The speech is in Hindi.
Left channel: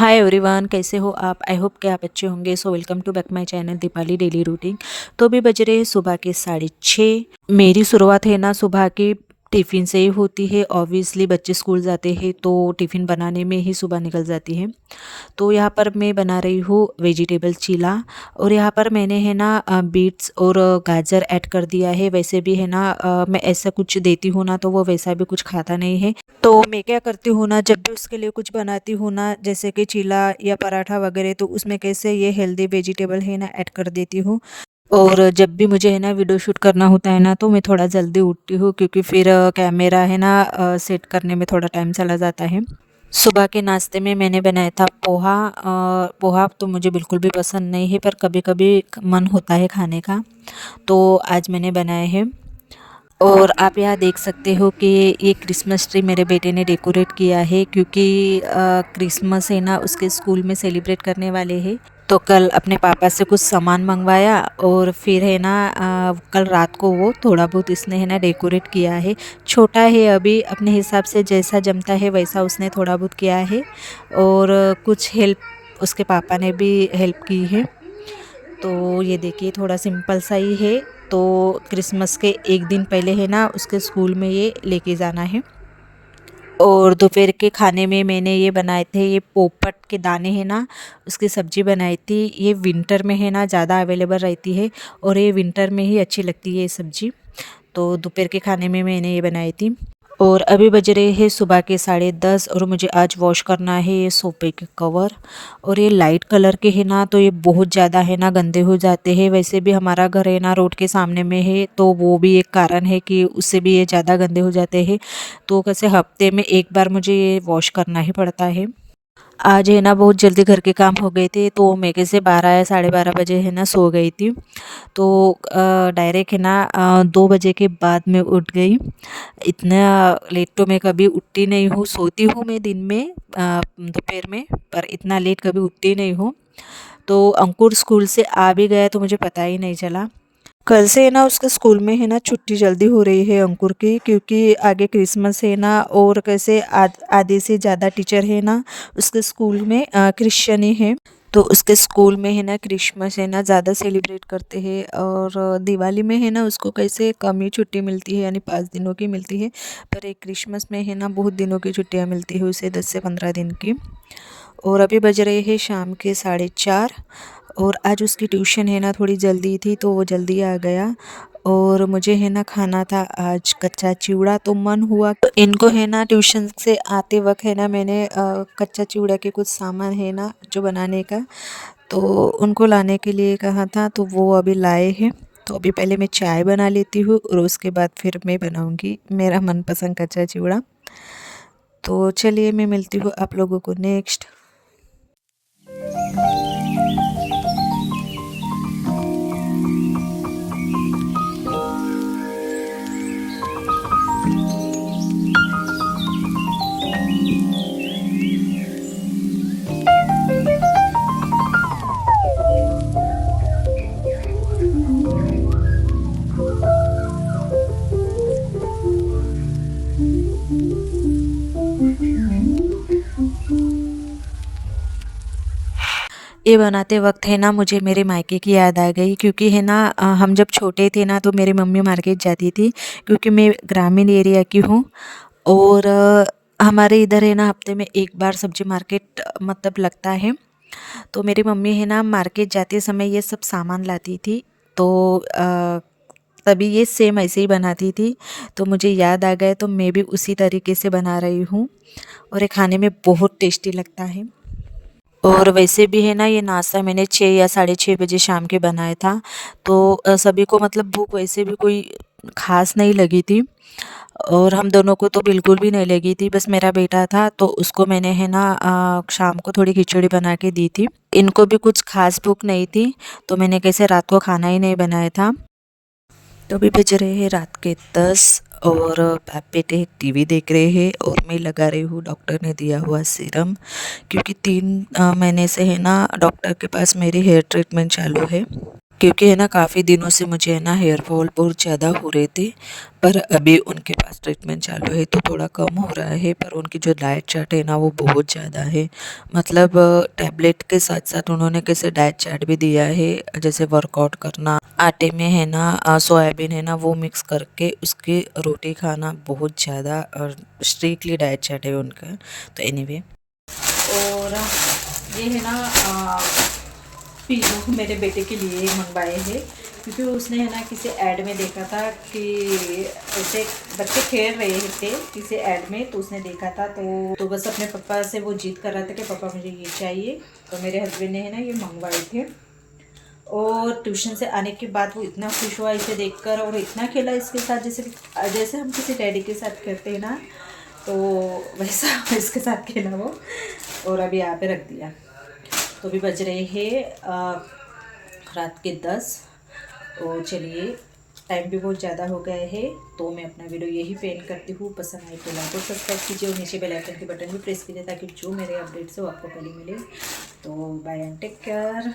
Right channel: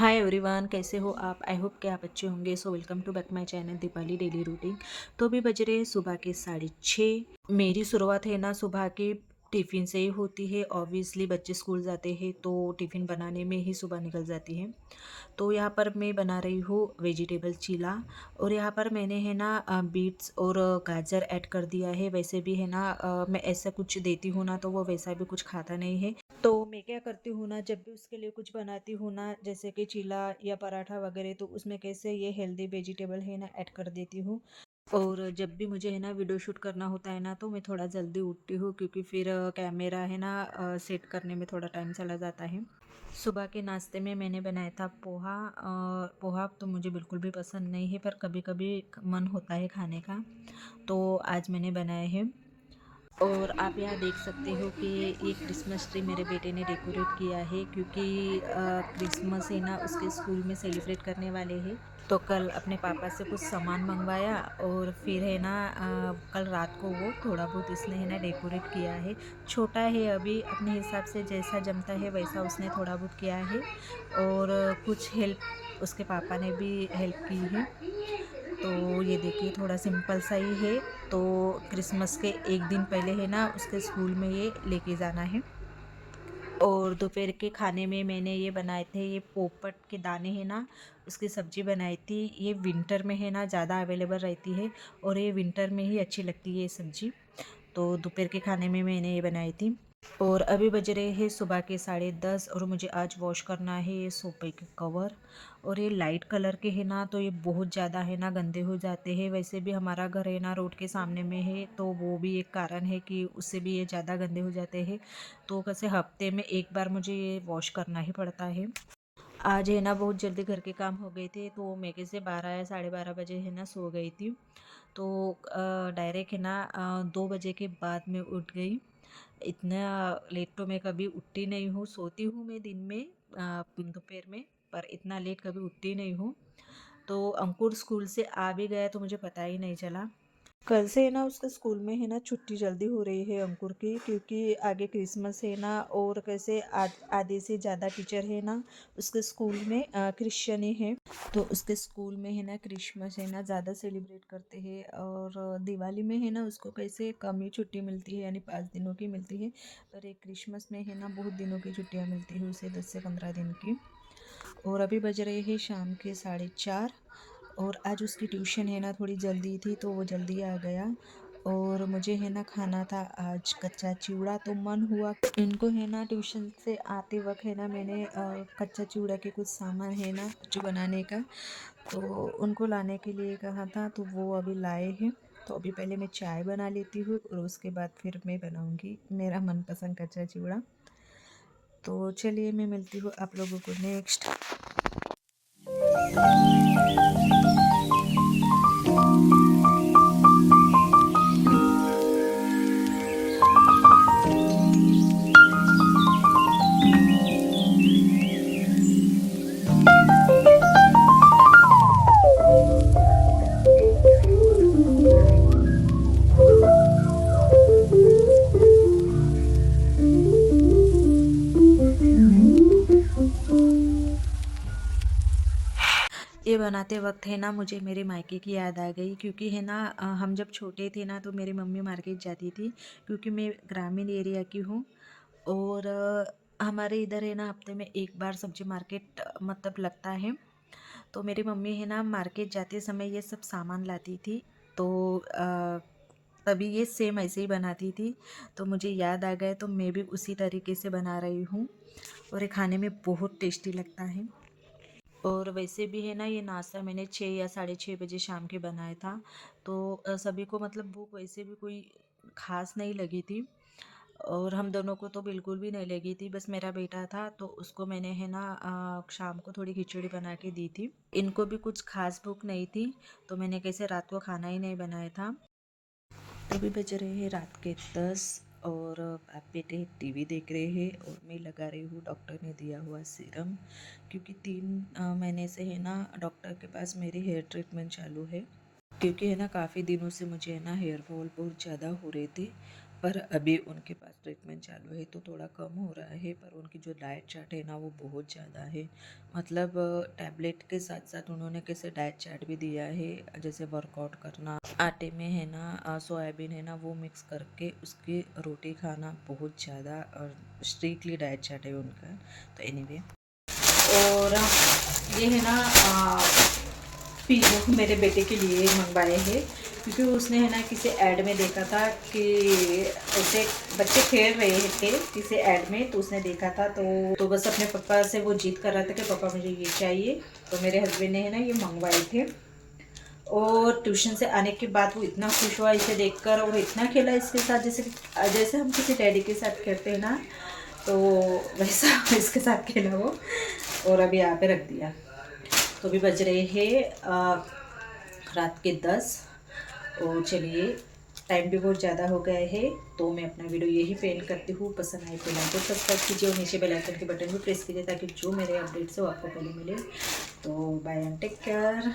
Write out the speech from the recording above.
हाय एवरीवन, कैसे हो आप? आई होप कि आप अच्छे होंगे। So welcome to back my channel Deepali daily routine. तो अभी बज रहे हैं सुबह के 6:30। मेरी शुरुआत है ना सुबह के टिफ़िन से ही होती है। ऑब्वियसली बच्चे स्कूल जाते हैं तो टिफ़िन बनाने में ही सुबह निकल जाती है। तो यहाँ पर मैं बना रही हूँ वेजिटेबल चीला। और यहाँ पर मैंने है ना बीट्स और गाजर ऐड कर दिया है। वैसे भी है ना मैं ऐसा कुछ देती हूँ ना तो वो वैसा भी कुछ खाता नहीं है। तो मैं क्या करती हूँ ना, जब भी उसके लिए कुछ बनाती हूँ ना, जैसे कि चीला या पराठा वगैरह, तो उसमें कैसे ये हेल्दी वेजिटेबल है ना ऐड कर देती हूँ। और जब भी मुझे है ना वीडियो शूट करना होता है ना तो मैं थोड़ा जल्दी उठती हूँ, क्योंकि फिर कैमरा है ना सेट करने में थोड़ा टाइम चला जाता है। सुबह के नाश्ते में मैंने बनाया था पोहा। पोहा तो मुझे बिल्कुल भी पसंद नहीं है, पर कभी कभी मन होता है खाने का, तो आज मैंने बनाए हैं। और आप यहाँ देख सकते हो कि ये क्रिसमस ट्री मेरे बेटे ने डेकोरेट किया है, क्योंकि क्रिसमस है ना उसके स्कूल में सेलिब्रेट करने वाले हैं। तो कल अपने पापा से कुछ सामान मंगवाया और फिर है ना कल रात को वो थोड़ा बहुत इसने है ना डेकोरेट किया है। छोटा है अभी, अपने हिसाब से जैसा जमता है वैसा उसने थोड़ा बहुत किया है। और कुछ हेल्प उसके पापा ने भी हेल्प की है। तो ये देखिए थोड़ा सिंपल सा ही है। तो क्रिसमस के एक दिन पहले है ना उसके स्कूल में ये लेके जाना है। और दोपहर के खाने में मैंने ये बनाए थे, ये पोपट के दाने हैं ना उसकी सब्ज़ी बनाई थी। ये विंटर में है ना ज़्यादा अवेलेबल रहती है और ये विंटर में ही अच्छी लगती है ये सब्ज़ी। तो दोपहर के खाने में मैंने ये बनाई थी। और अभी बज रहे हैं सुबह के 10:30 और मुझे आज वॉश करना है ये सोफे के कवर। और ये लाइट कलर के है ना तो ये बहुत ज़्यादा है ना गंदे हो जाते हैं। वैसे भी हमारा घर है ना रोड के सामने में है, तो वो भी एक कारण है कि उससे भी ये ज़्यादा गंदे हो जाते हैं। तो कैसे हफ्ते में एक बार मुझे ये वॉश करना ही पड़ता है। आज है ना बहुत जल्दी घर के काम हो गए थे, तो मैं कैसे 12 या 12:30 बजे है ना सो गई थी। तो डायरेक्ट है ना 2 बजे के बाद मैं उठ गई। इतना लेट तो मैं कभी उठती नहीं हूँ। सोती हूँ मैं दिन में दोपहर में, पर इतना लेट कभी उठती नहीं हूँ। तो अंकुर स्कूल से आ भी गया तो मुझे पता ही नहीं चला। कल से है ना उसके स्कूल में है ना छुट्टी जल्दी हो रही है अंकुर की, क्योंकि आगे क्रिसमस है ना। और कैसे आधे से ज़्यादा टीचर है ना उसके स्कूल में क्रिश्चियन ही है। तो उसके स्कूल में है ना क्रिसमस है ना ज़्यादा सेलिब्रेट करते हैं। और दिवाली में है ना उसको कैसे कम ही छुट्टी मिलती है, यानी 5 दिनों की मिलती है। पर एक क्रिसमस में है ना बहुत दिनों की छुट्टियाँ मिलती है उसे, 10 से 15 दिन की। और अभी बज रहे हैं शाम के 4:30। और आज उसकी ट्यूशन है ना थोड़ी जल्दी थी तो वो जल्दी आ गया। और मुझे है ना खाना था आज कच्चा चिवड़ा, तो मन हुआ इनको है ना ट्यूशन से आते वक्त है ना मैंने कच्चा चिवड़ा के कुछ सामान है ना जो बनाने का, तो उनको लाने के लिए कहा था, तो वो अभी लाए हैं। तो अभी पहले मैं चाय बना लेती हूँ और उसके बाद फिर मैं बनाऊँगी मेरा मनपसंद कच्चा चिवड़ा। तो चलिए मैं मिलती हूँ आप लोगों को नेक्स्ट। ये बनाते वक्त है ना मुझे मेरे मायके की याद आ गई, क्योंकि है ना हम जब छोटे थे ना तो मेरी मम्मी मार्केट जाती थी, क्योंकि मैं ग्रामीण एरिया की हूँ। और हमारे इधर है ना हफ्ते में एक बार सब्जी मार्केट मतलब लगता है। तो मेरी मम्मी है ना मार्केट जाते समय ये सब सामान लाती थी। तो तभी ये सेम ऐसे ही बनाती थी। तो मुझे याद आ गया, तो मैं भी उसी तरीके से बना रही हूँ। और ये खाने में बहुत टेस्टी लगता है। और वैसे भी है ना ये नाश्ता मैंने 6 या 6:30 बजे शाम के बनाया था। तो सभी को मतलब भूख वैसे भी कोई ख़ास नहीं लगी थी। और हम दोनों को तो बिल्कुल भी नहीं लगी थी, बस मेरा बेटा था तो उसको मैंने है ना शाम को थोड़ी खिचड़ी बना के दी थी। इनको भी कुछ ख़ास भूख नहीं थी, तो मैंने कैसे रात को खाना ही नहीं बनाया था। तो अभी बज रहे हैं रात के 10 और बाप बेटे टीवी देख रहे हैं और मैं लगा रही हूँ डॉक्टर ने दिया हुआ सीरम, क्योंकि 3 महीने से है ना डॉक्टर के पास मेरी हेयर ट्रीटमेंट चालू है। क्योंकि है ना काफ़ी दिनों से मुझे है ना हेयर फॉल बहुत ज़्यादा हो रहे थे, पर अभी उनके पास ट्रीटमेंट चालू है तो थोड़ा कम हो रहा है। पर उनकी जो डाइट चार्ट है ना वो बहुत ज़्यादा है, मतलब टैबलेट के साथ साथ उन्होंने कैसे डाइट चार्ट भी दिया है, जैसे वर्कआउट करना, आटे में है ना सोयाबीन है ना वो मिक्स करके उसकी रोटी खाना, बहुत ज़्यादा और स्ट्रिक्टली डाइट चार्ट है उनका। तो एनीवे, और ये है ना पीलो मेरे बेटे के लिए मंगवाए हैं, क्योंकि उसने है ना किसी ऐड में देखा था कि उसे बच्चे खेल रहे थे किसी ऐड में, तो उसने देखा था तो बस अपने पापा से वो जिद कर रहा था कि पापा मुझे ये चाहिए। तो मेरे हस्बैंड ने है ना ये मंगवाए थे, और ट्यूशन से आने के बाद वो इतना खुश हुआ इसे देखकर, और इतना खेला इसके साथ जैसे जैसे हम किसी डैडी के साथ खेलते हैं ना, तो वैसा इसके साथ खेला वो, और अभी यहाँ पे रख दिया। तो अभी बज रहे हैं रात के 10। और चलिए, टाइम भी बहुत ज़्यादा हो गए है, तो मैं अपना वीडियो यही पेंड करती हूँ। पसंद आए तो लाइक और सब्सक्राइब कीजिए, और नीचे बेल आइकन के बटन भी प्रेस कीजिए ताकि जो मेरे अपडेट्स हो आपको पहले मिले। तो बाय एंड टेक केयर।